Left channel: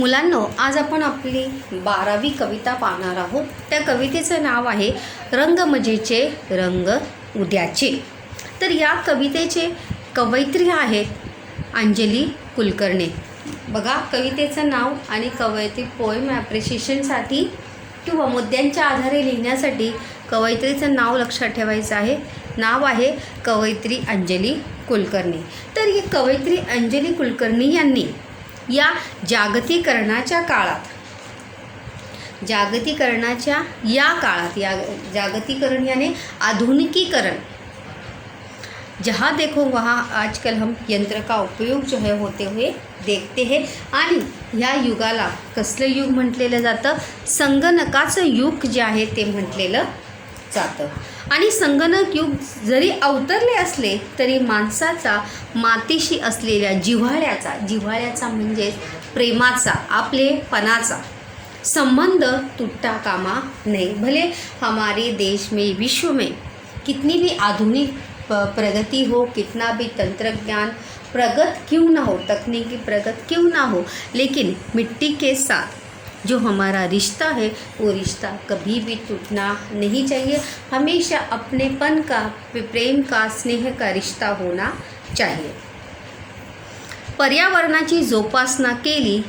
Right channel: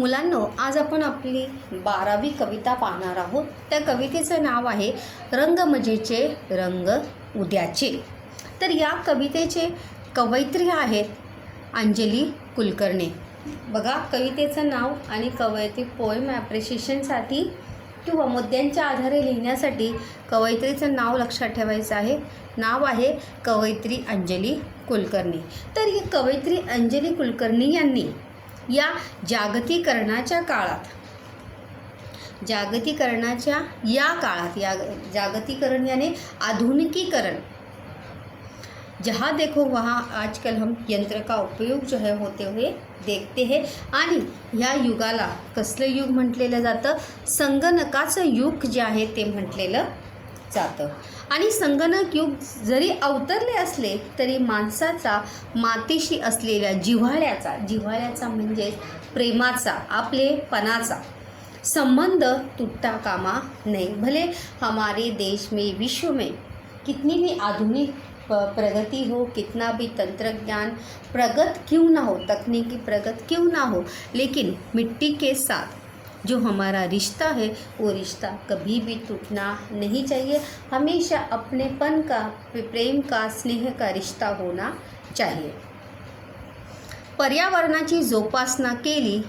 मुलांनो, आज आपण आपली 12वी कविता पाहणार आहोत. त्या कवितेचं नाव आहे रंग मजेचे रंग उद्याचे. तर या कवितेचे कवयित्री आहेत अंजली कुलकर्णी. बघा, कवितेचं नाव आणि कवयित्री पोएम ॲप्रिशिएशनसाठी किंवा मुद्द्यांच्या आधारे लिहिण्यासाठी कवयित्रीचं नाव लक्षात ठेवायचं आहे. नाव आहे कवयित्री अंजली कुलकर्णी. तर ही कवयित्री अंजली कुलकर्णी यांनी या जागतिकीकरणाच्या काळात या जागतिकीकरण यानी आधुनिकीकरण, जहाँ देखो वहाँ आजकल हम यंत्र का उपयोग जो है होते हुए देखते हैं. आणि ह्या युगाला कसलं युग म्हटलेलं जातं? संगणकाचं युग जे आहे ते म्हटलेलं जातं. आणि संगणक युग जरी अवतरले असले तरी माणसाचा मातीशी असलेल्या जिव्हाळ्याचा म्हणजे प्रेमाचा, आपलेपणाचा संबंध तुटता कामा नहीं. भले हमारे देश में, विश्व में कितनी भी आधुनिक प्रगति हो, कितना भी तंत्रज्ञान प्रगत क्यों ना हो, तकनीकी प्रगत क्यों ना हो, लेकिन मिट्टी के साथ जो हमारा रिश्ता है वो रिश्ता कभी भी टूटना नहीं चाहिए. हमेशा अपनेपन का, प्रेम का, स्नेह का रिश्ता होना चाहिए. पर्यावरणाची जोपासना केली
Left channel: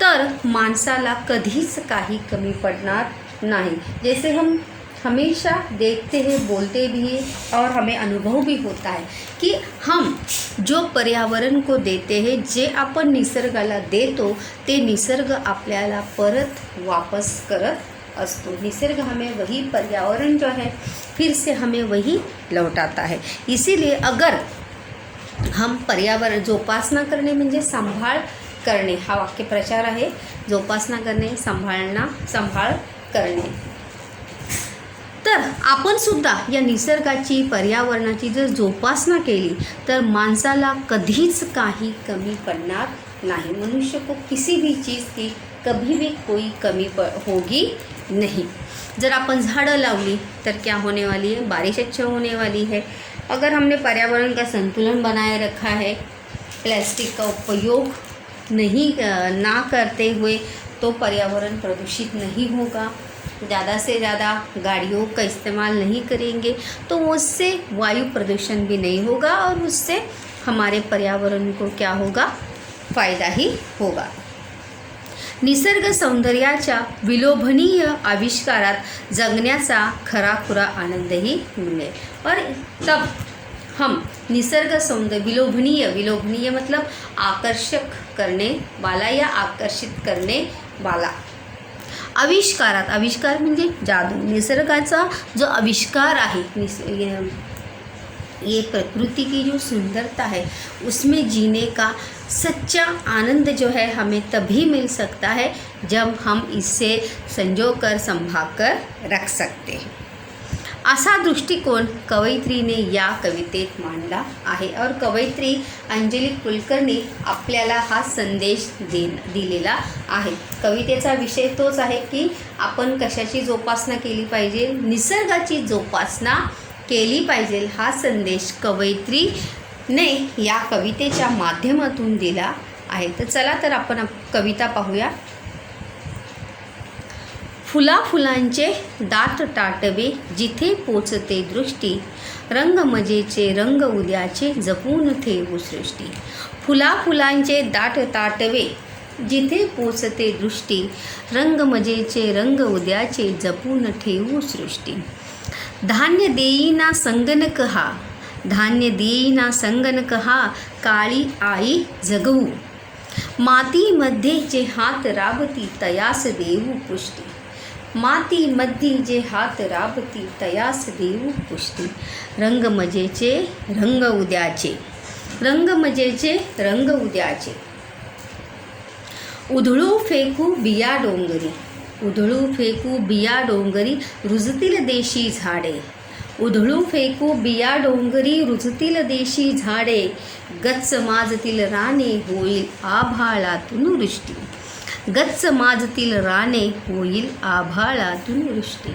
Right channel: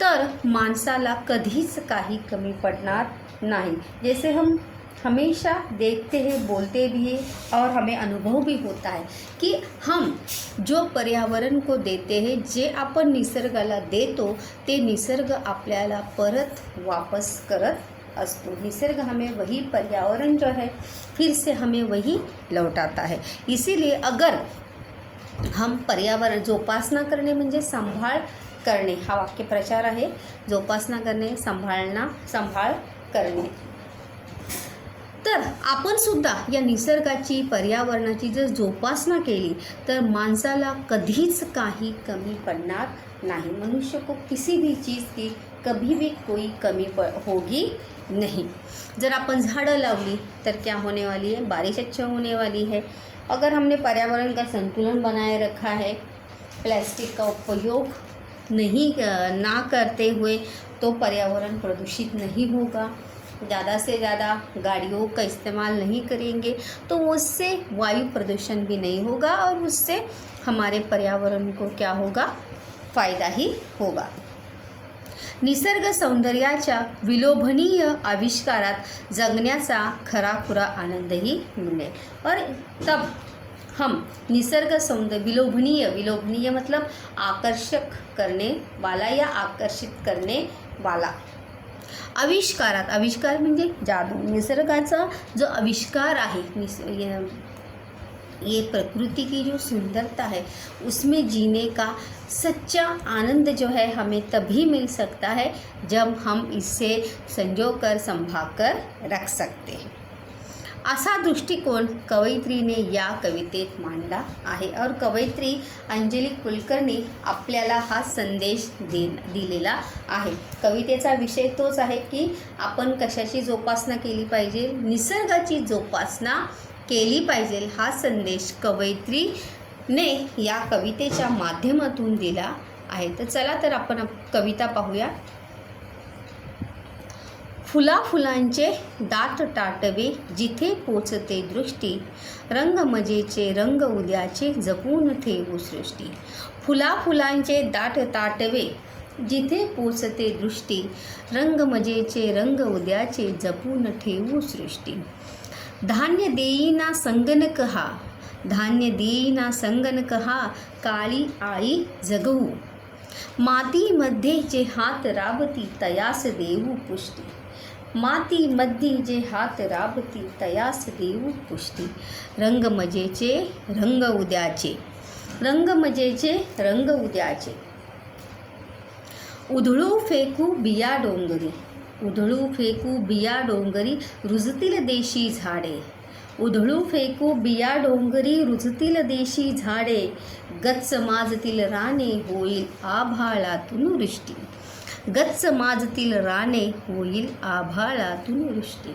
तर माणसाला कधीच काही कमी पडणार नाही. जैसे हम हमेशा देखते हैं, बोलते भी हैं और हमें अनुभव भी होता है की हम जो पर्यावरण को देते हैं, जे आपण निसर्गाला देतो ते निसर्ग आपल्याला परत वापस करत असतो. निसर्ग हमें वही, पर्यावरण जो है फिर से हमें वही लौटाता है. इसीलिए अगर हम पर्यावरण जोपासना करणे म्हणजे सांभाळ करणे, हा वाक्यप्रचार आहे. जोपासना करणे, सांभाळ करणे. तर आपण सुद्धा या निसर्गाची, पर्यावरणाची जर जोपासना केली तर माणसाला कधीच काही कमी पडणार नहीं. मनुष्य को किसी भी चीज़ की कभी भी कोई कमी होगी नहीं. जर अपन झाड़ं लावली तर क्या होने वाली है? बारिश अच्छा होने वाली है. अगर हमने पर्यावरण का संतुलन बनाए रखा है, प्लास्टिक का उपयोग ना करते हुए, तो पर्यावरण प्रदूषित नहीं होगा. ज़्यादा से ज़्यादा गाड़ियों का इस्तेमाल नहीं करेंगे तो उससे वायु प्रदूषण भी नहीं होगा और उससे हमारे पर्यावरण को क्या होगा? फ़ायदा ही होगा. निसर्ग सौंदर्याच्या विलोभनीय आविष्कारात जगण्याचा खराखुरा आनंदही मिळेल. और तब हम निसर्ग सौंदर्य, विलोभनीय मतलब आकर्षक करने वाला या आकर्षित करने वाला. आविष्कार म्हणजे जादू. निसर्गाचा जो आविष्कार आहे, ये प्रकृति की जो सुंदरता है, उसमें जीने का सच्चा आनंद जो है हमें तभी मिल सकता है जब हम इससे संजोकर, संभाल कर रख सकते हैं. असा दृष्टिकोन कवयित्रीने या कवितेत मांडला आहे. और कवयित्री अंजली कुलकर्णी आपल्याला हा संदेश दिलेला आहे. कवितेचा विषय तोच आहे की आपण कशाची जोपासना केली पाहिजे? निसर्गाची जोपासना केली पाहिजे. हा संदेश कवयित्रीने या कवितेच्या माध्यमातून दिला आहे. तर चला तर आपण कविता पाहूया. फुलांचे दाट ताटवे जिथे पोचते दृष्टी, रंग मजेचे रंग उद्याचे जपून ठेवू सृष्टी. फुलांचे दाट ताटवे जिथे पोचते दृष्टी, रंग मजेचे रंग उद्याचे जपून ठेवू सृष्टी. धान्य देईना संगणक हा काळी आई जगवू. मातीमध्ये जे हात राबती तयास देऊ पुष्टी. मातीमध्ये जे हात राबती तयास देऊ पुष्टी. रंग मजेचे रंग उद्याचे उधळू फेकू बिया डोंगरी रुजतील देशी झाडे. उधळू फेकू बिया डोंगरी रुजतील देशी झाडे, गच्च माजतील राने होईल आभाळातून वृष्टी. गच्च माजतील राने होईल आभाळातून वृष्टी.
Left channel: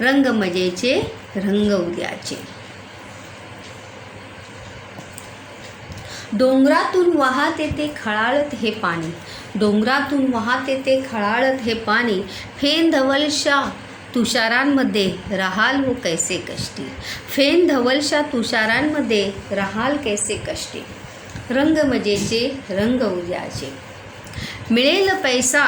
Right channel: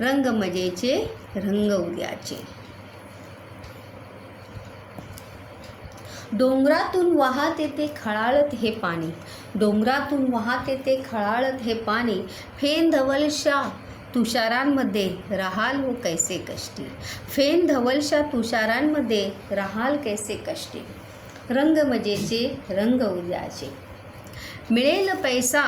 रंग मजेचे रंग उद्याचे. डोंगरातून वाहते ते खळाळत हे पाणी, डोंगरातून वाहते ते खळाळत हे पाणी, फेन धवलशा तुषारांमध्ये राहाल हो कैसे कष्टी, फेन धवलशा तुषारांमध्ये राहाल कैसे कष्टी, रंग मजेचे रंग उद्याचे, मिळेल पैसा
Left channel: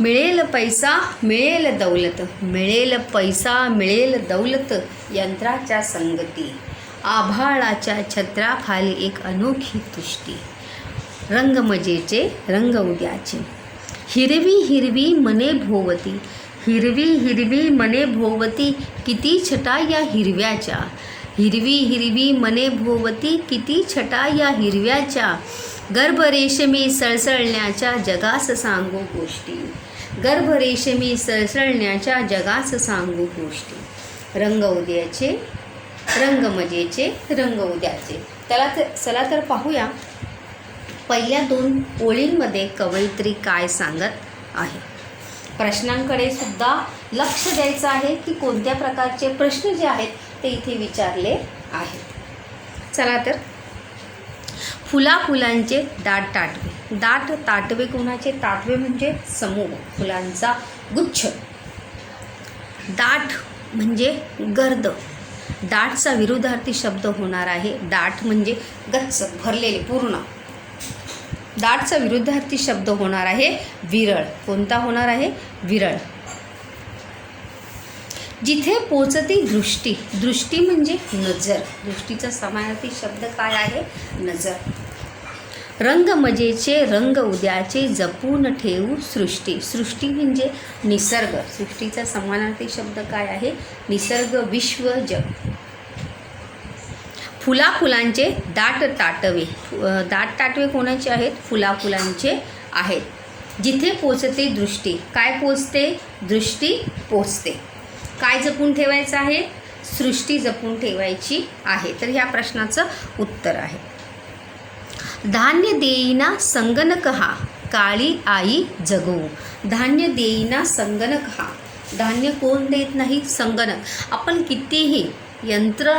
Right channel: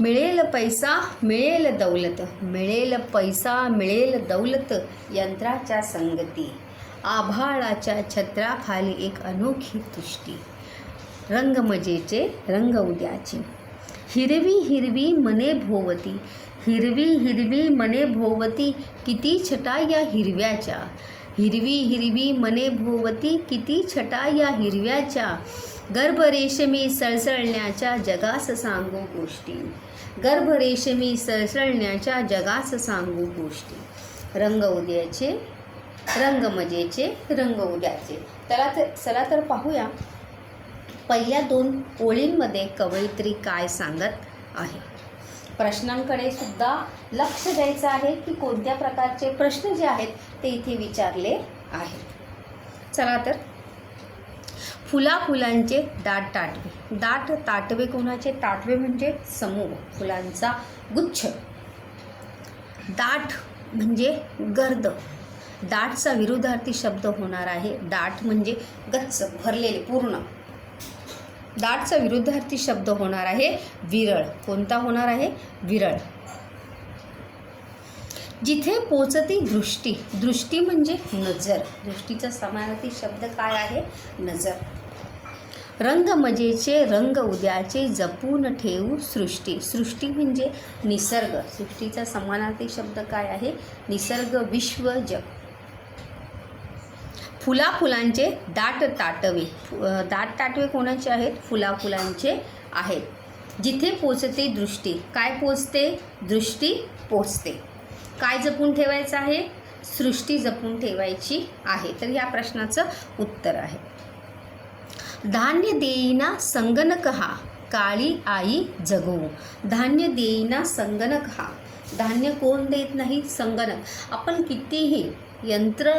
मिळेल पैसा मिळेल दौलत, मिळेल पैसा मिळेल दौलत, यंत्राच्या संगती, आभाळाच्या छत्राखाली एक अनोखी तुष्टी, रंग मजेचे रंग उद्याचे, हिरवी हिरवी मने भोवती, हिरवी हिरवी मने भोवती, किती छटा या हिरव्याच्या, हिरवी हिरवी मने भोवती, किती छटा या हिरव्याच्या, गर्भरेशमी सळसळण्याच्या जगास सांगू गोष्टी, गर्भरेशमी सळसळण्याच्या जगास सांगू गोष्टी, रंग उद्याचे रंग मजेचे रंग उद्याचे. चला तर पाहूया पहिल्या 2 ओळींमध्ये कवयित्री काय सांगत आहे. प्रश्नांकडे सुद्धा लक्ष द्यायचं आहे की कोणत्या प्रकारचे प्रश्न जे आहेत ते इथे विचारले आहेत. चला तर, फुला फुलांचे दाट ताटवे, दाट ताटवे कोणाचे, ताटवे म्हणजे समूह, फुलांचा गुच्छ, दाट म्हणजे गर्द, दाटचा विरुद्धार्थी शब्द होणार आहे, दाट म्हणजे गच्च भरलेले पूर्ण, दाटचा विरुद्धार्थी शब्द होणार आहे विरळ. कोणता होणार आहे, विरळ. जिथे पोचती दृष्टी, दृष्टी म्हणजे नजर, दृष्टीचा समानार्थी शब्द काय आहे, नजर. रंग मजेचे रंग उद्याचे, जपून ठेवू सृष्टी, सृष्टी म्हणजे निसर्ग, सृष्टीचा समानार्थी शब्द काय आहे, निसर्ग, विश्व, जग. फुला फुलांचे दाट ताटवे, दाट ताटवे कोणाचे आहेत, फुला फुलांचे आहेत. जिथे पोचते दृष्टी, काय पोचते, दृष्टी पोचते. काय जपून ठेवायचं आहे, सृष्टी जपून ठेवायची आहे. तर ह्या प्रश्नाचं उत्तर आहे. धान्य देईना संगणक हा, काळी आई जगवू, धान्य देईना संगणक हा, धान्य कोण देत नाही, संगणक. आपण कितीही यंत्र,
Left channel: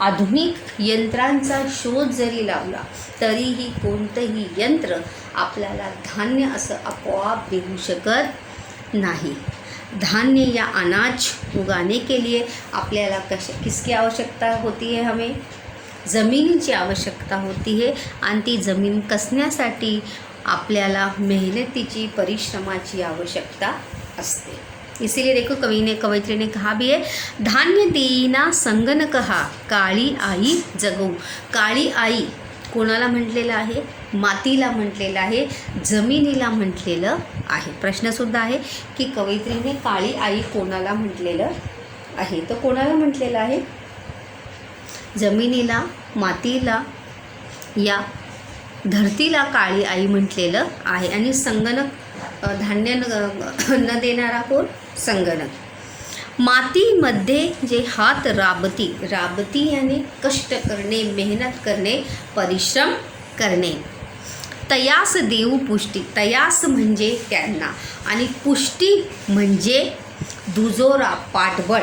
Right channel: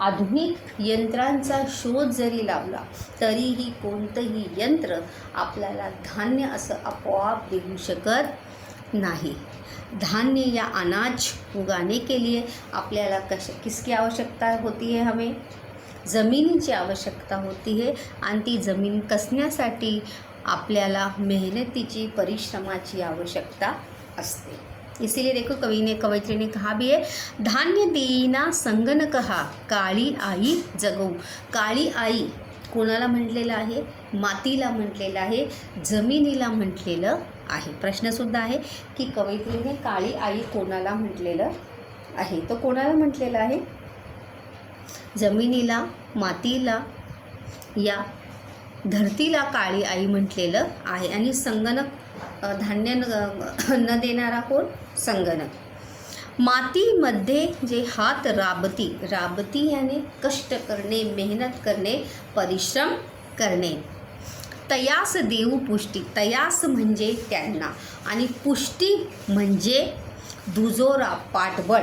आधुनिक यंत्रांचा शोध जरी लावला तरीही कोणतंही यंत्र आपल्याला धान्य असं आपोआप देऊ शकत नाही. धान्य या अनाज उगाने के लिए आपल्याला किसकी आवश्यकता होती है, हमें जमिनीची आवश्यकता होती है आणि ती जमीन कसण्यासाठी आपल्याला मेहनतीची, परिश्रमाची आवश्यकता असते. इसीलिए देखो कवयित्री ने कहा भी है, धान्य देईना संगणक हा, काळी आई जगवू. काळी आई कोणाला म्हटलेलं आहे, मातीला म्हटलेलं आहे, जमिनीला म्हटलेलं आहे. प्रश्नसुद्धा आहे की कवयित्रीने काळी आई कोणाला म्हटलेलं आहे, तर कोणाला म्हटलेलं आहे, जमिनीला, मातीला, या धरतीला काळी आई म्हटलेलं आहे. आणि संगणक, धान्य न देणारा कोण, संगणक. मातीमध्ये जे हात राबती, राबती यानी कष्ट करणे, मेहनत करणे, परिश्रम करणे. तयास देऊ पुष्टी, तयास म्हणजे त्यांना आणि पुष्टी म्हणजे दुजोरा, पाठबळ.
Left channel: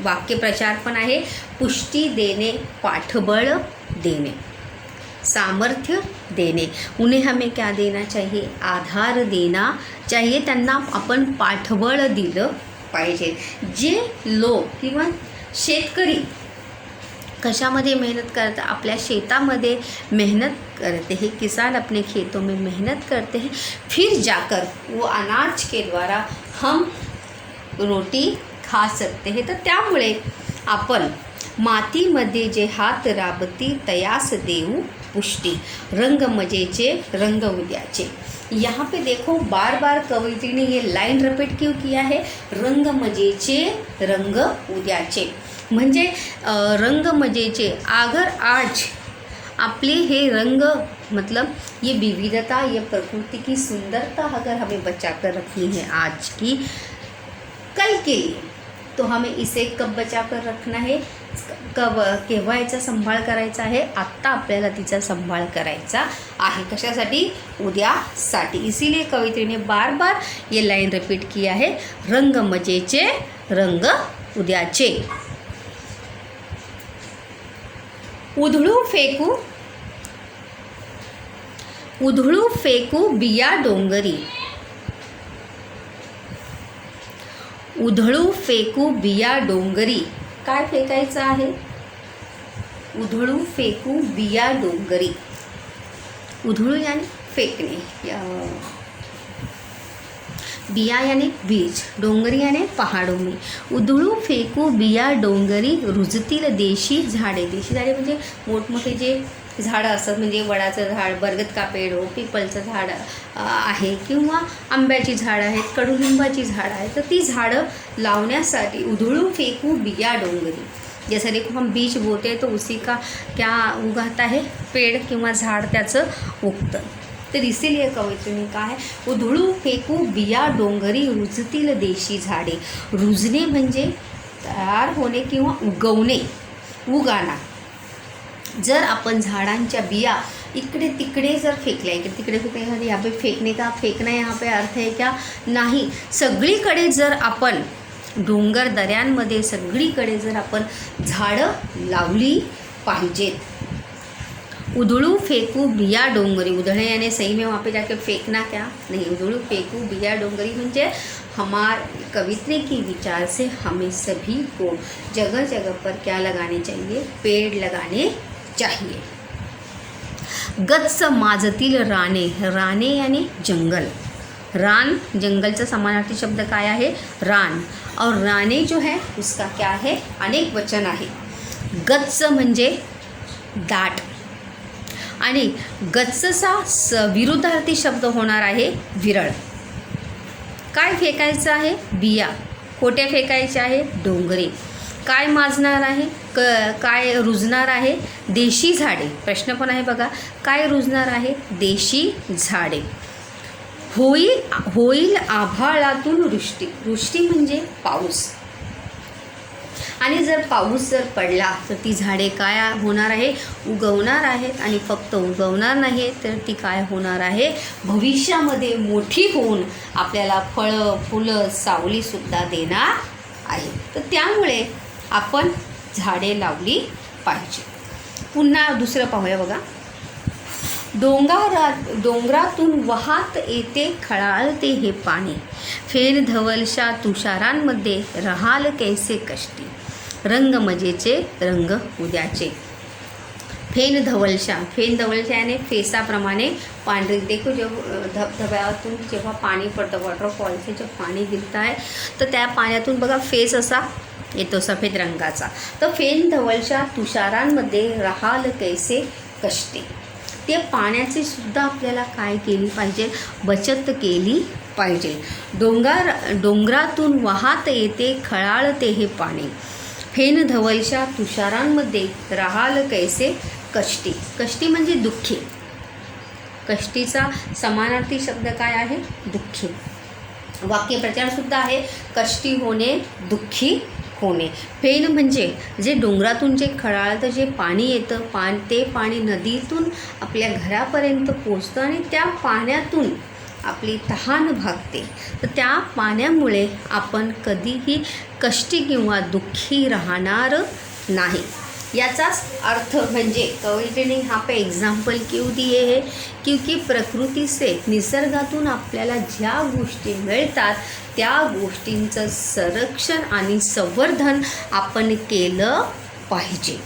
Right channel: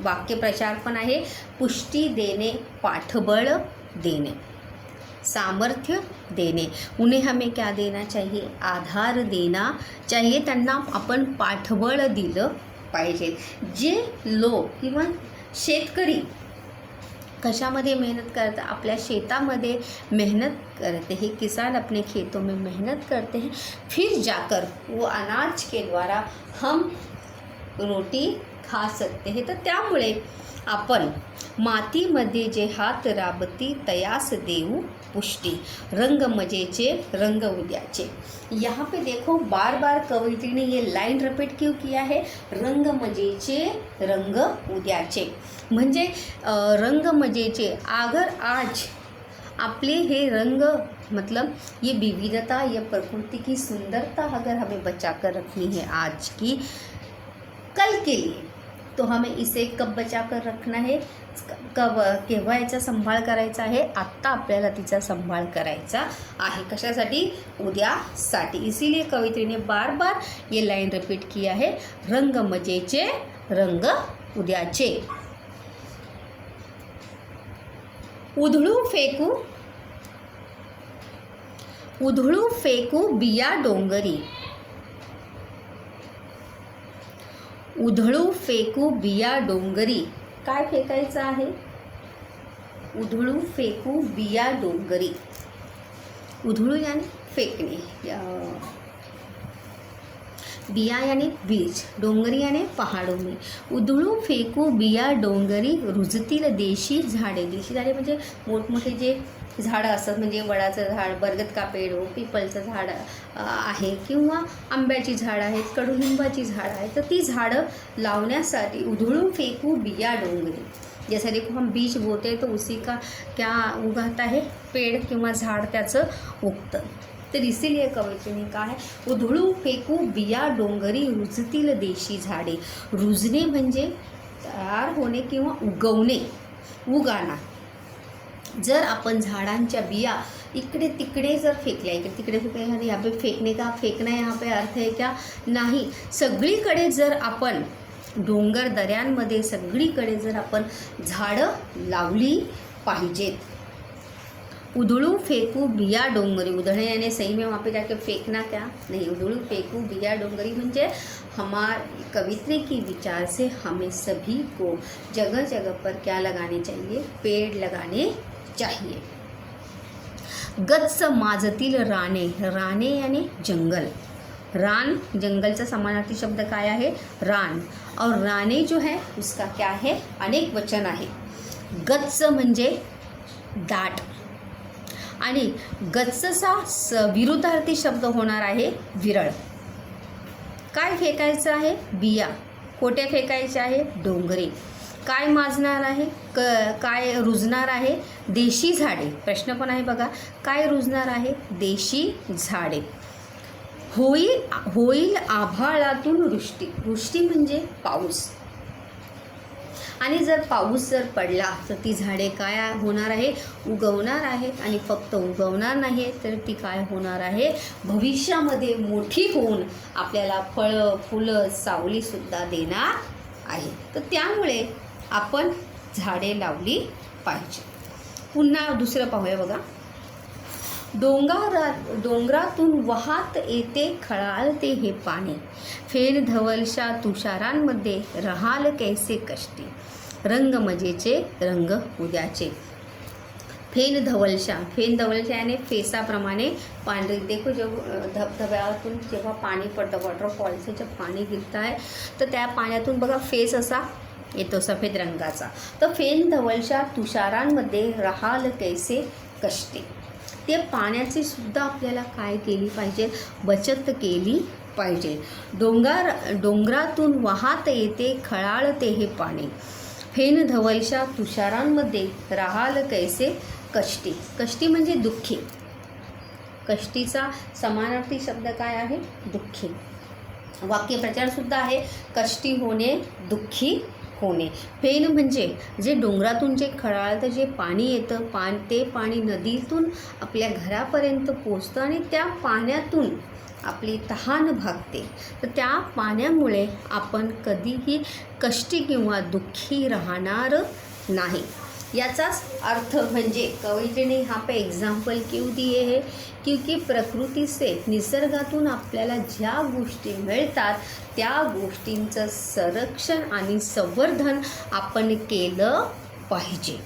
वाक्यप्रचार पण आहे, पुष्टी देणे, पाठबळ देणे, सामर्थ्य देणे. उन्हें हमें क्या देना चाहिए, आधार देना चाहिए. त्यांना आपण पाठबळ दिलं पाहिजे. जे लोक किंवा शेतकरी कशामध्ये मेहनत करतात, आपल्या शेतामध्ये मेहनत करते हैं, किसान अपने खेतों में मेहनत करते हैं, फिर जाकर वो अनाज के द्वारा हम रोटी खा सकते हैं. तर त्यामुळे आपण मातीमध्ये जे हात राबती तयास देऊ पुष्टी, रंग मजेचे रंग उद्याचे. यहाँ पे देखो बार बार कवयित्री ने ये लाइन रिपीट क्यों किया है, रंग मजेचे रंग उद्याचे. म्हणजे रंग मजेचे, अगर आज आपले हे रंग, मतलब ये विविधता, ये प्रकृति की सुंदरता अगर हमें बचा कर रखनी है आज की, कल के लिए, तो हमें इसे कब बचा कर रखना है, कब, केव्हा याचा सांभाळ करायचा आहे, आत्ता आपल्याला तिचा सांभाळ करायचा आहे. कशासाठी, उद्यासाठी. इसीलिए कवयित्री ने बार बार ये लाइन रिपीट किया है, रंग मजेचे रंग उद्याचे. उधळू फेकू उधळू फेकू बिया डोंगरी. उधळू फेकू बिया डोंगरी. काय फेकायचं आहे? उधळू फेकू बिया डोंगरी. उधळू याने फेकणे, बिया याने बीज, डोंगरी याने पहाडों में. उधळू फेकू बिया डोंगरी रुजतील देशी झाडे. देशी झाडे म्हणजे मोठमोठे जे झाडं असतात, म्हणजे वडाचं झाड, बरगद का पेड़ हो, पिपलचं झाड आहे किंवा आंब्याची झाडं आहेत, कडुलिंबाची झाडं आहेत, तर ती झाडं लावण्यासाठी उधळू फेकू बिया डोंगरी. जैसे देखो हम बीज बोते हैं तो उसी का क्या उगाता है, पेड़ किंवा झाड त्याचं उगतं. तर इसीलिए कवयित्री ने कहा है उधळू फेकू बिया डोंगरी रुजतील देशी झाडे. रुजणे म्हणजे तयार होणे किंवा उगवणे, उगाना. जर आपण झाडांच्या बिया इकडे तिकडे जर फेकल्या, इकडे तिकडे फेकले, यहाँ पे फेकने का, फेकना यहाँ पे अर्थ है क्या, नाही. सगळीकडे जर आपण डोंगर दऱ्यांमध्ये सगळीकडे जर आपण झाडं लावली पाहिजेत. उधळू फेकू बिया डोंगरी. उधळे यानी सही में वहाँ पे जाके फेंकना क्या नहीं. उधळू फेकू बिया डोंगरी म्हणजे हमारे कवित्री की विचार से हमें सभी को जगह जगह पर क्या लगाने चाहिए, पेड़ लगाने चाहिए. गच्च माजतील राने. राने यानी जंगल. रान जंगलचा समानार्थी शब्द काय आहे, रान. और राने जो है उसका क्या है, अनेक वचन आहे. गच्च म्हणजे दाट आणि गच्चचा विरुद्धार्थी शब्द होणार आहे विरळ. काय फेकायचं आहे, बिया. कोठे फेकायचे आहे, डोंगरी. काय माजणार आहे, काय रुजणार आहे, देशी झाडे. प्रश्न पण आहे बघा, काय रुजणार आहे, देशी झाडे. होईल आभाळातून वृष्टी. वृष्टी म्हणजे पाऊस. आणि जर पाऊस जर पडला तर ती झाडे काय होणार आहे, उगवणार आहेत. आणि फक्त उगवणार नाही तर ती काय होणार आहे, भविष्यामध्ये मोठी होऊन आपल्याला फळं फुलं सावलीसुद्धा देणार आहे. तर त्यामुळे आपण झाडे लावली पाहिजे. पुन्हा दुसरं पाहूया बघा. डोंगरातून वाहत येते खळाळते हे पाणी. फेन धवलशा तुषारांमध्ये राहाल कैसे कष्टी. रंग मजेचे रंग उद्याचे. फेन धवलशा. फेन धवलशा याने फेसाप्रमाणे पांढरी. देखो जेव्हा धबधब्यातून जेव्हा पाणी पडतं, वॉटरफॉलचे जे पाणी गिरतं आहे तर त्या पाण्यातून बघा फेस असा येतो सफेद रंगाचा. तर फेन धवलशा तुषारांमध्ये राहाल कैसे कष्टी. ते पाण्याची सुद्धा आपल्याला काय केली पाहिजे, बचत केली पाहिजे. डोंगरातून वाहत येते खळाळते हे पाणी. फेन धवलशा तुषारांमध्ये राहाल कैसे कष्टी. कष्टी म्हणजे दुःखी. कष्टीचा समानार्थी शब्द काय आहे, दुःखी. वाक्यप्रचार सुद्धा आहे, कष्टी होणे, दुःखी होणे. फेन म्हणजे जे डोंगरातून जे खळाळतं जे पाणी येतं, ते पाणी नदीतून आपल्या घरापर्यंत पोचतं आणि त्या पाण्यातून आपली तहान भागते. तर त्या पाण्यामुळे आपण कधीही कष्टी किंवा दुःखी राहणार नाही. याचाच अर्थ म्हणजे कवयित्री ने यहाँ पे एग्जाम्पल क्यों दिए है, क्योंकि प्रकृती से निसर्गातून आपल्याला ज्या गोष्टी मिळतात त्या गोष्टींचं संरक्षण आणि संवर्धन आपण केलं पाहिजे.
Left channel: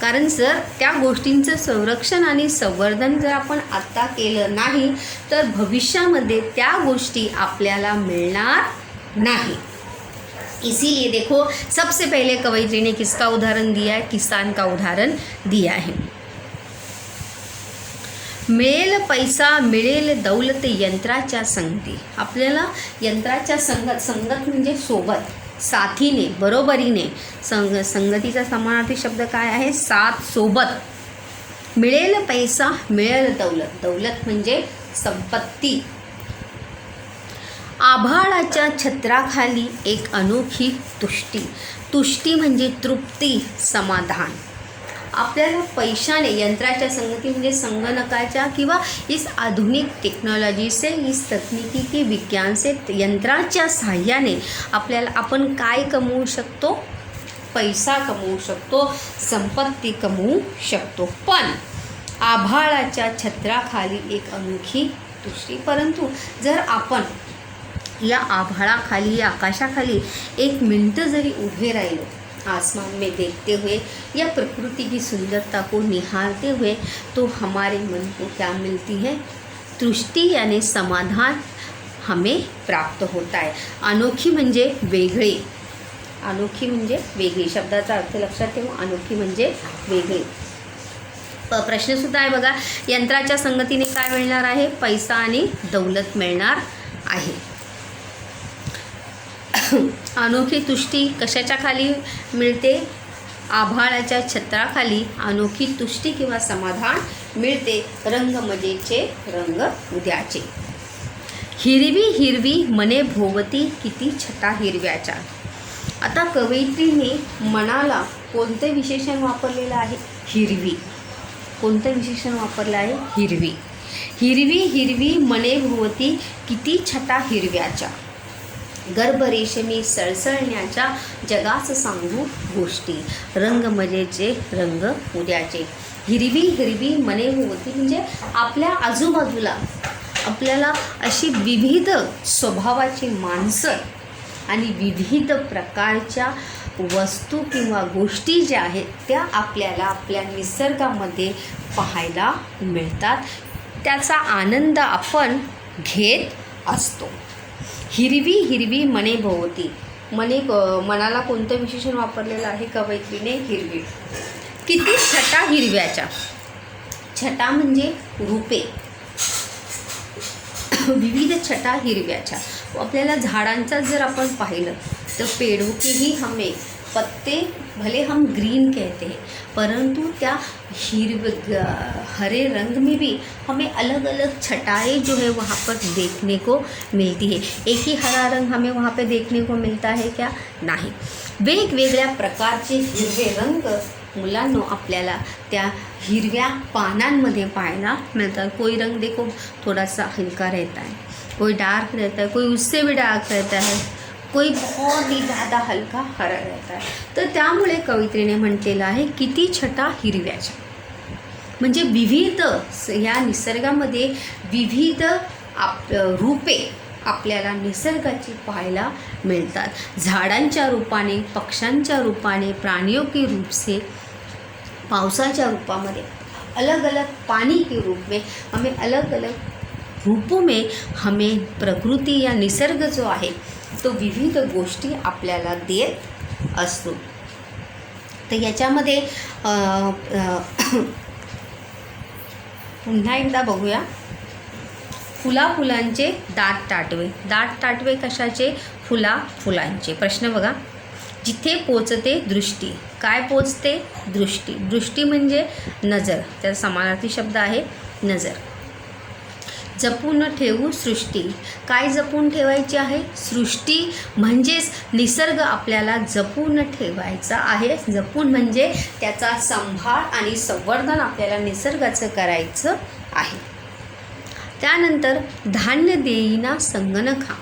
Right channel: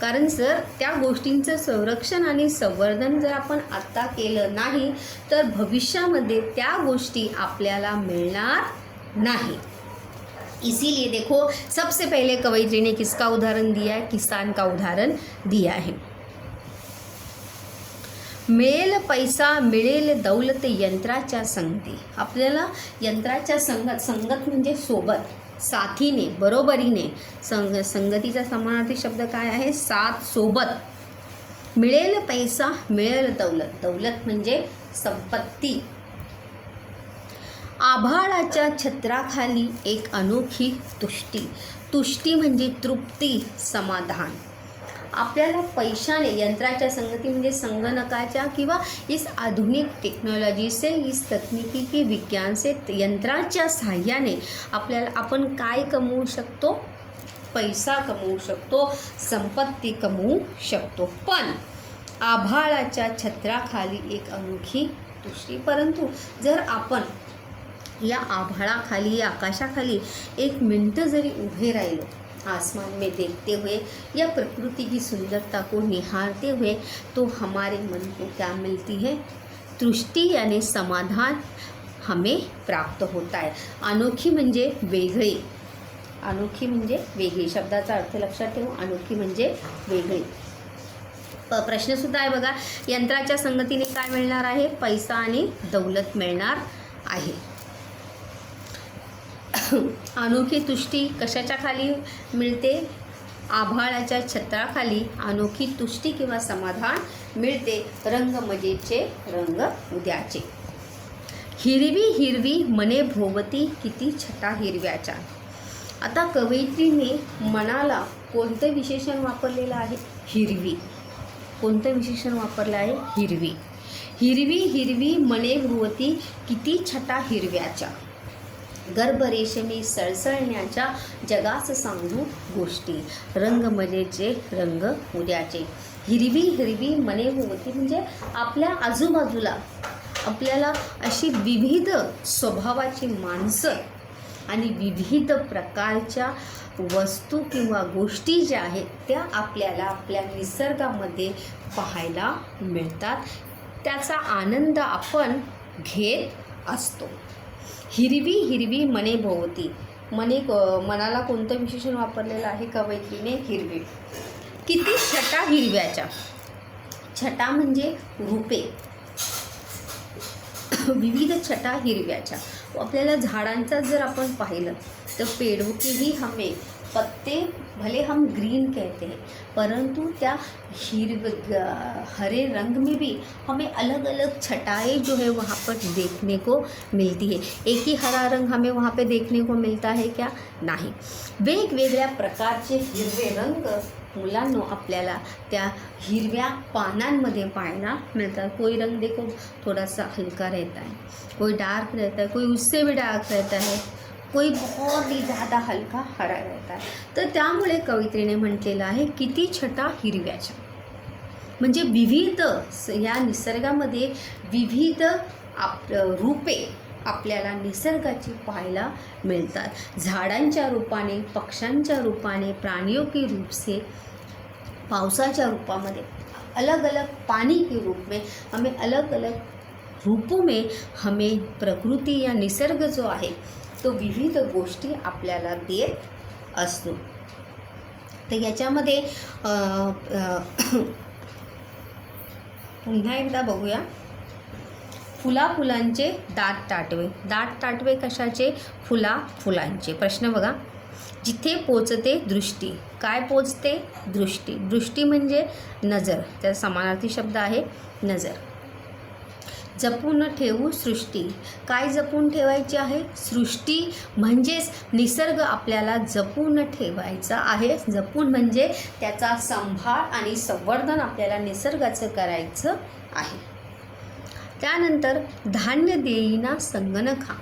कारण जर त्या गोष्टींचं संरक्षण आणि संवर्धन जर आपण आत्ता केलं नाही तर भविष्यामध्ये त्या गोष्टी आपल्याला मिळणार नाही. इसीलिए देखो सबसे पहले कवयित्री ने किसका उदाहरण दिया है, किसान का उदाहरण दिया है. मिळेल पैसा मिळेल दौलत यंत्राच्या संगती. आपल्याला यंत्राच्या संगत म्हणजे सोबत, साथीने, बरोबरीने. संगतीचा समानार्थी शब्द काय आहे, साथ, सोबत. मिळेल पैसा मिळेल दौलत. दौलत म्हणजे संपत्ती. आभाळाच्या छत्राखाली एक अनोखी तुष्टी. तुष्टी म्हणजे तृप्ती, समाधान. आपल्याला पैशाने, यंत्राच्या संगती म्हणजे संगणकाच्या किंवा इस आधुनिक टेक्नॉलॉजी से, इस तकनीकी की विज्ञान से, यंत्राच्या सहाय्याने आपल्याला आपण काय कमवू शकतो, पैसा कमवू शकतो, संपत्ती कमवू शकतो. पण आभाळाच्या छत्राखाली एक अनोखी तुष्टी. परंतु जर आपण या आभाळाखाली, या आकाशाखाली एक मिनट जरी उभे राहिलो, आसमान में देखते हुए या प्रकृति की सुंदरता को निहारते हुए, तो हमारे मन को क्या मिलती है? तुष्टी यानी समाधान हमें प्राप्त होता है. अनोखी म्हणजे वेगळे, अनोखी म्हणजे वेगळी. शब्दाचा अर्थ लक्षात ठेवा. अनोखी म्हणजे वेगळी. प्रश्नसुद्धा आहे बघा. यंत्राच्या संगतीने काय मिळणार आहे? पैसा आणि दौलत मिळणार आहे. अनोखी तुष्टी कशाच्या खाली मिळते? आभाळाच्या छत्राखाली अनोखी तुष्टी किंवा समाधान मिळते. रंग मजेचे, रंग उद्याचे. हिरवी हिरवी मने भोवती, किती छटा हिरव्याच्या. आता कवयित्रीने मनाला कोणते विशेषण वापरलेलं आहे? हिरवी. कोणतं विशेषण वापरलं आहे? हिरवी. हिरवी हिरवी मने भोवती, किती छटा हिरव्याच्या. गर्भ रेशमी सळसळण्याच्या, जगास सांगू गोष्टी. रंग मजेचे, रंग उद्याचे. हिरवी हिरवी मने भोवती म्हणजे आपल्या आजूबाजूला आपल्याला अशी विविध स्वभावाची माणसं आणि विविध प्रकारच्या वस्तू किंवा गोष्टी ज्या आहेत त्या आपल्याला आपल्या निसर्गामध्ये पाहायला मिळतात. त्याचा आनंद आपण घेत असतो. हिरवी हिरवी मने भोवती. मनाला कोणतं विशेषण वापरलेलं आहे कवयित्रीने? हिरवी. किती छटा हिरव्याच्या. छटा म्हणजे रूपे, विविध छटा हिरव्याच्या. आपल्याला झाडांचा जर आपण पाहिलं तो पेड़ों की ही हमें पत्ते भले हम ग्रीन कहते हैं, परंतु त्या हरे रंग में भी हमें अलग अलग छटाएं जो है वहाँ पर देखने को मिलती है. एक ही हरा रंग हमें वहाँ पे देखने को मिलता है क्या? नाही. वेगवेगळ्या प्रकारचे हिरवे रंग मुलांनो आपल्याला त्या हिरव्या पानांमध्ये पाहायला मिलता. कोई रंग देखो थोड़ा सा हल्का रहता है, कोई डार्क रहता है, कोई उससे भी डार्क रहता है, कोई बहुत ही ज़्यादा हलका हरा रहता है. तर त्यामुळे कवयित्रीने म्हटलेलं आहे किती छटा हिरव्याच्या. म्हणजे विविध या निसर्गामध्ये विविध रूपे आपल्याला निसर्गाची पाहायला मिळतात. झाडांच्या रूपाने, पक्ष्यांच्या रूपाने, प्राणियों के रूप से, पावसाच्या रूपामध्ये, अलग अलग पानी के रूप में, हमें अलग अलग रूपों में हमें प्रकृति या निसर्ग जो आहे तो विविध गोष्टी आपल्याला देत असतो. तर याच्यामध्ये पुन्हा एकदा बघूया. फुलाफुलांचे दाट टाटवे. दाट टाटवे कशाचे? फुलाफुलांचे. प्रश्न बघा. जिथे पोचते दृष्टी. काय पोचते? दृष्टी. दृष्टी म्हणजे नजर, त्याचा समानार्थी शब्द आहे नजर. जपून ठेवू सृष्टी. काय जपून ठेवायची आहे? सृष्टी म्हणजेच निसर्ग आपल्याला जपून ठेवायचा आहे. जपून म्हणजे त्याचा सांभाळ आणि संवर्धन आपल्याला निसर्गाचं करायचं आहे. त्यानंतर धान्य देईना संगणका.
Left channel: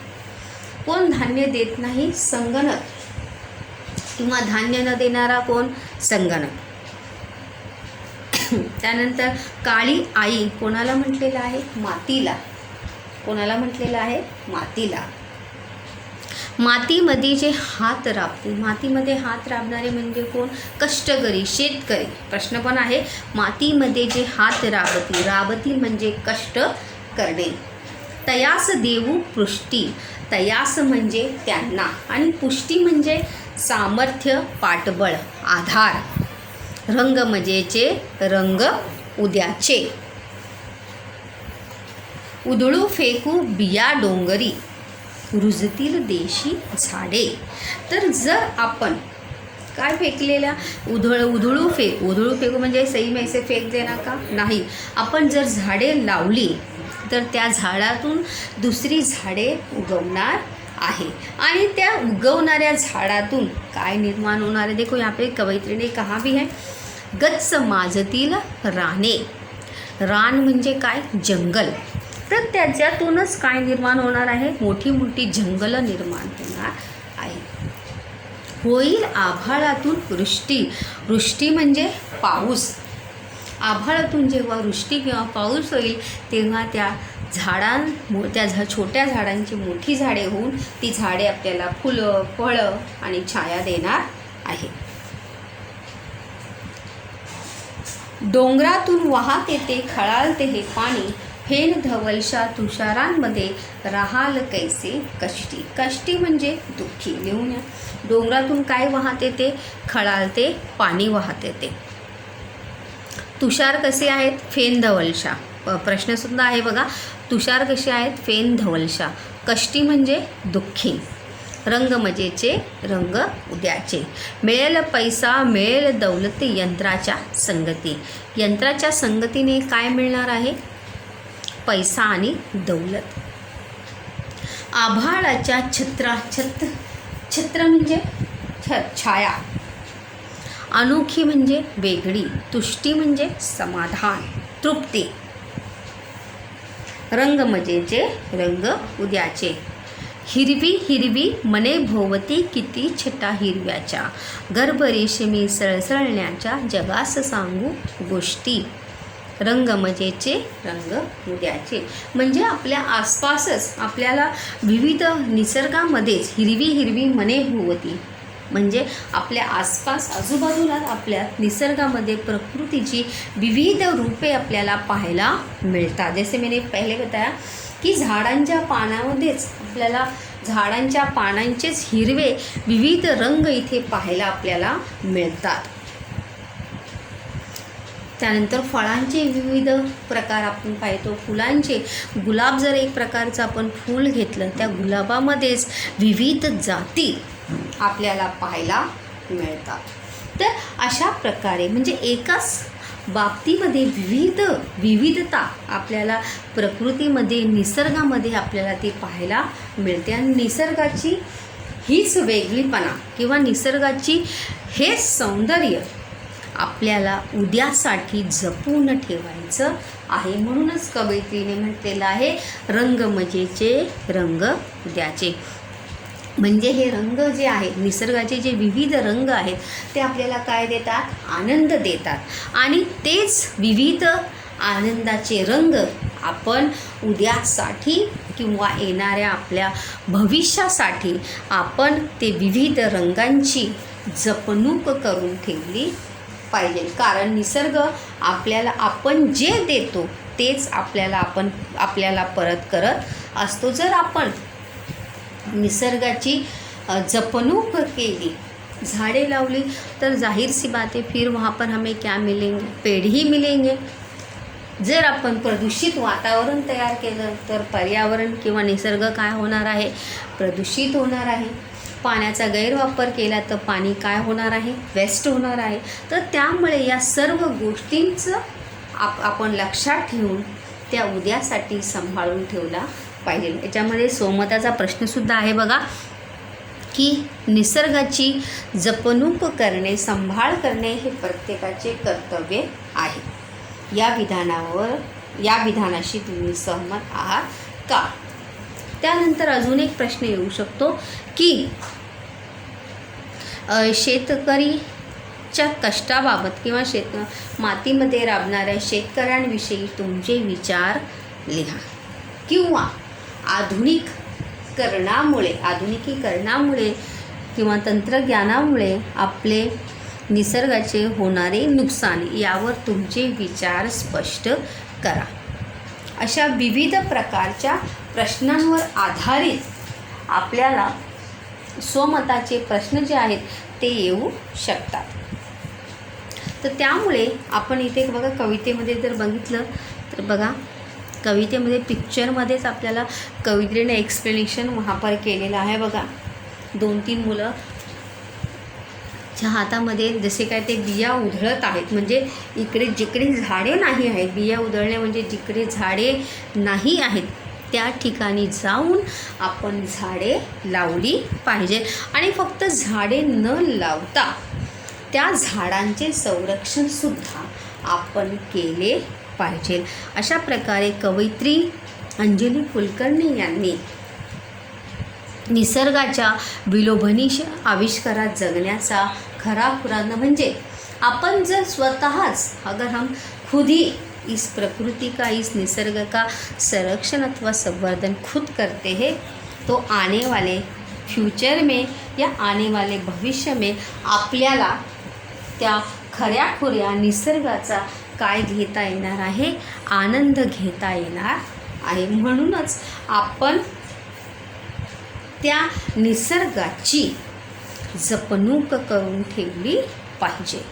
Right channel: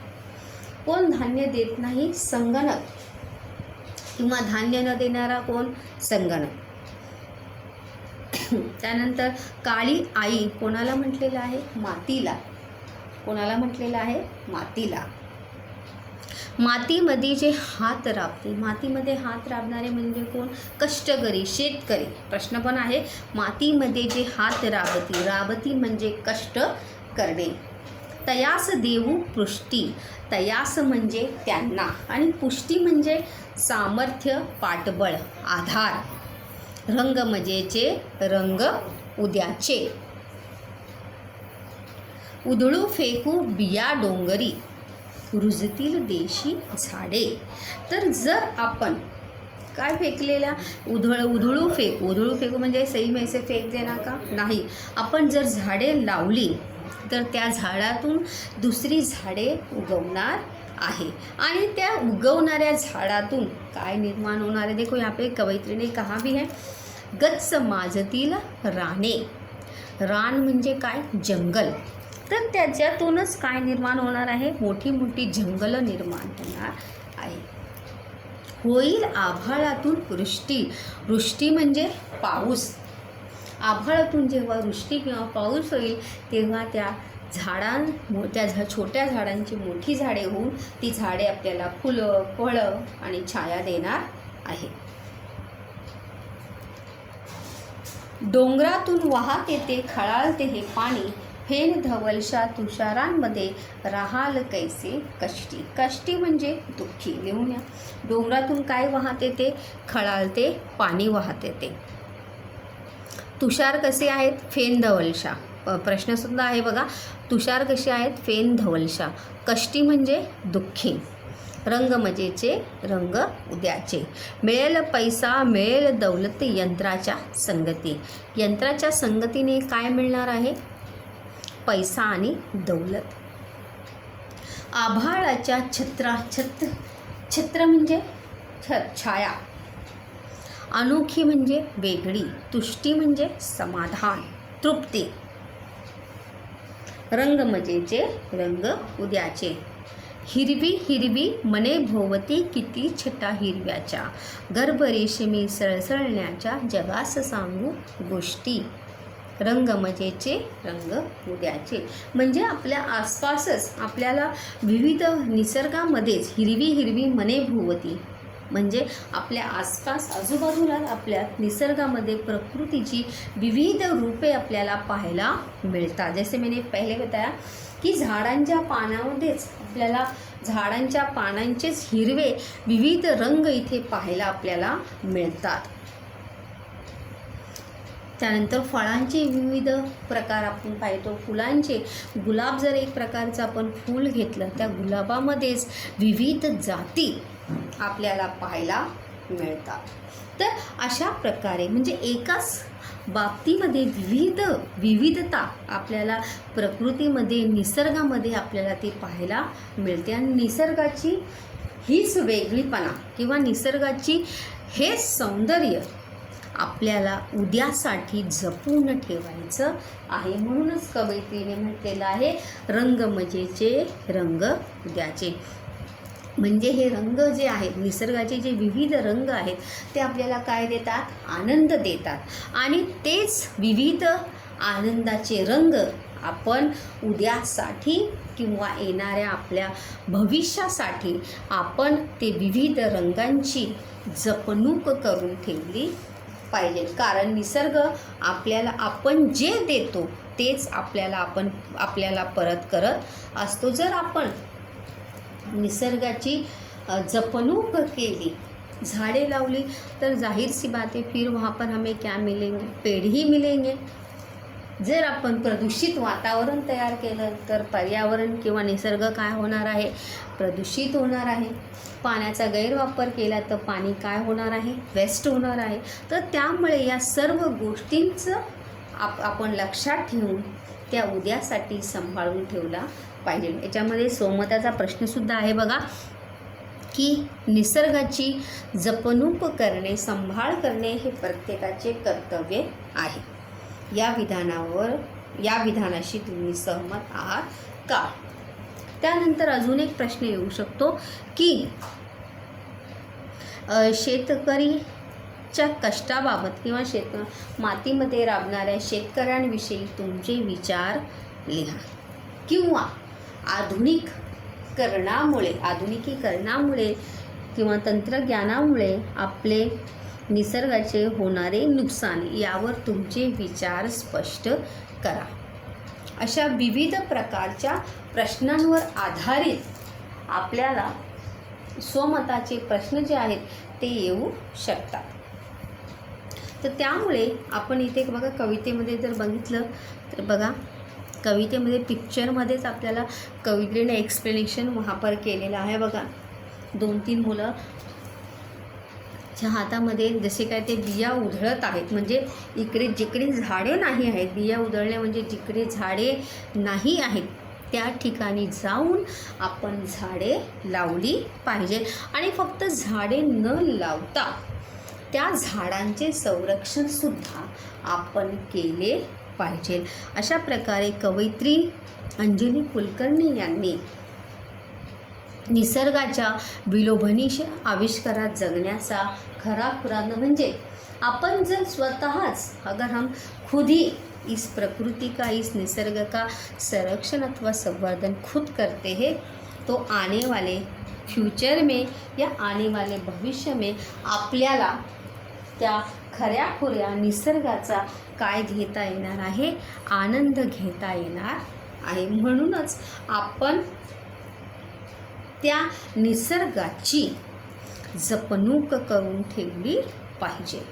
कोण धान्य देत नाही? संगणक. किंवा धान्य न देणारा कोण? संगणक. त्यानंतर काळी आई कोणाला म्हटलेलं आहे? मातीला. कोणाला म्हटलेलं आहे? मातीला. मातीमध्ये जे हात राबते. मातीमध्ये हात राबणारे म्हणजे कोण? कष्टकरी, शेतकरी. प्रश्न पण आहे. मातीमध्ये जे हात राबती. राबती म्हणजे कष्ट करणे. तयास देऊ पुष्टी. तयास म्हणजे त्यांना आणि पुष्टी म्हणजे सामर्थ्य, पाठबळ, आधार. रंग मजेचे, रंग उद्याचे. उधळू फेकू बिया डोंगरी, रुजतील देशी झाडे. तर जर आपण काय फेकलेल्या? उधळू फेकू. उधळू फेकू म्हणजे सही में ऐसे फेक देना का? नाही. आपण जर झाडे लावली तर त्या झाडातून दुसरी झाडे उगवणार आहे आणि त्या उगवणाऱ्या झाडातून काय निर्माण होणार आहे? देखो यहाँ पे कवयित्री ने कहा भी है. गच्च माजतील राने. रान म्हणजे काय? जंगल. तर त्याच्यातूनच काय निर्माण होणार आहे? मोठी मोठी जंगल निर्माण होणार आहे. होईल आभाळातून वृष्टी. वृष्टी म्हणजे पाऊस. आभाळातून जेव्हा वृष्टी किंवा पाऊस होईल तेव्हा त्या छोट्या झाडांची मोठी झाडे होऊन ती झाडे आपल्याला फुलं, फळं आणि छाया देणार आहे. डोंगरातून वाहत येते खळाळते हे पाणी, फेन धवलशा तुषारांमध्ये राहाल कैसे कष्टी. कष्टी म्हणजे दुःखी. लिहून या. डोंगरातून काय वाहत येते? खळाळते पाणी वाहत येते. तुषार कसे आहेत? फेन धवलशा. प्रश्नसुद्धा आहे बघा. तुषार कसे आहेत? फेन धवलशा. कष्टी म्हणजे दुःखी. रंग मजेचे, रंग उद्याचे. मिळेल पैसा, मिळेल दौलती यंत्राच्या संगती. यंत्राच्या संगतीने काय मिळणार आहे? पैसा आणि दौलत. आभाळाच्या छत्र म्हणजे छाया. अनोखी म्हणजे वेगळी. तुष्टी म्हणजे समाधान, तृप्ती. रंग मजेचे, रंग उद्याचे. हिरवी हिरवी मने भोवती किती छटा हिरव्याच्या, गर्भ रेशमी सळसळण्याच्या जगास सांगू गोष्टी. रंग मजेचे, रंग उद्याचे. म्हणजे आपल्या आसपासच आपल्याला विविध निसर्गामध्येच हिरवी हिरवी मने भोवती म्हणजे आपल्या आसपास आजूबाजूला आपल्या निसर्गामध्ये प्रकृतीची विविध रूपे आपल्याला पाहायला मिळतात. जसे मैंने पहिले बताया की झाडांच्या पानामध्येच आपल्याला झाडांच्या पानांचेच हिरवे विविध रंग इथे पाहायला आपल्याला मिळतात. त्यानंतर फळांचे विविध प्रकार आपण पाहतो. फुलांचे गुलाब जर एक प्रकारचं आपण फूल घेतलं त्या गुलाबामध्येच विविध जाती आपल्याला पाहायला मिळतात. तर अशा प्रकारे म्हणजे एकाच बाबतीमध्ये विविधता आपल्याला प्रकृतीमध्ये निसर्गामध्ये आपल्याला ते पाहायला मिळते. आणि निसर्गाची हीच वेगळीपणा किंवा निसर्गाची हे सौंदर्य आपल्याला उद्यासाठी जपून ठेवायचं आहे. म्हणूनच कवयित्रीने म्हटलेलं आहे रंग मजेचे, रंग उद्याचे. म्हणजे हे रंग जे आहेत निसर्गाचे जे विविध रंग आहेत ते आपल्याला काय देतात? आनंद देतात. आणि तेच विविध आनंदाचे रंग आपण उद्यासाठी किंवा येणाऱ्या आपल्या भविष्यासाठी आपण ते विविध रंगांची जपणूक करून ठेवली पाहिजे. कारण निसर्ग आपल्याला आपण जे देतो तेच आपल्याला परत करत असतो. जर आपण निसर्गाची जपणूक केली, झाड़े लावली तर जाहिर सी बात है फिर वहाँ पर हमें क्या मिलेंगे? पेड़ ही मिलेंगे. जर आपण प्रदूषित वातावरण तयार केलं तर पर्यावरण किंवा निसर्ग काय होणार आहे? प्रदूषित होणार आहे. पाण्याचा गैरवापर केला तर पाणी काय होणार आहे? वेस्ट होणार आहे. तर त्यामुळे या सर्व गोष्टींचं आपण लक्षात ठेवून त्या उद्यासाठी सांभाळून ठेवला पाहिजे. याच्यामध्ये सोमताचा प्रश्नसुद्धा आहे बघा की निसर्गाची जपणूक करणे, सांभाळ करणे हे प्रत्येकाचे कर्तव्य आहे. या विधानाशी तुम्ही सहमत आहात का? त्यानंतर अजून एक प्रश्न येऊ शकतो की शेतकरीच्या कष्टाबाबत किंवा मातीमध्ये राबणाऱ्या शेतकऱ्यांविषयी तुमचे विचार लिहा. किंवा आधुनिकीकरणामुळे किंवा तंत्रज्ञानामुळे आपले निसर्गाचे होणारे नुकसान यावर तुमचे विचार स्पष्ट करा. अशा विविध प्रकारच्या प्रश्नांवर आधारित आपल्याला स्वमताचे प्रश्न जे आहेत ते येऊ शकतात. तर त्यामुळे आपण इथे बघा कवितेमध्ये जर बघितलं तर बघा कवितेमध्ये पिक्चरमध्येच आपल्याला कवित्रीने एक्सप्लेनेशन वहाँ पर केलेलं आहे बघा. 2-3 मुलं हातामध्ये जसे काय ते बिया उधळत आहेत. म्हणजे इकडे जिकडे झाडे नाही आहेत, बिया उधळणे म्हणजे जिकडे झाडे नाही आहेत त्या ठिकाणी जाऊन आपण झाडे लावली पाहिजे. आणि फक्त झाडे न लावता त्या झाडांचे संरक्षणसुद्धा आपण केले पाहिजे. अशा प्रकारे कवयित्री अंजली कुलकर्णी यांनी निसर्गाच्या विलोभनीय आविष्कारात जगण्याचा खरा पुरावा म्हणजे आपण जर स्वतःच अगर हम खुद ही इस प्रकृति का, इस निसर्ग का संरक्षण अथवा संवर्धन खुद करते हैं, तो आने वाले फ्यूचर में या आने वाले भविष्य में आपल्याला त्या खऱ्याखुऱ्या निसर्गाचा काय घेता येणार आहे, आनंद घेता येणार आहे. म्हणूनच आपण त्या निसर्गाची जपणूक करून ठेवली पाहिजे.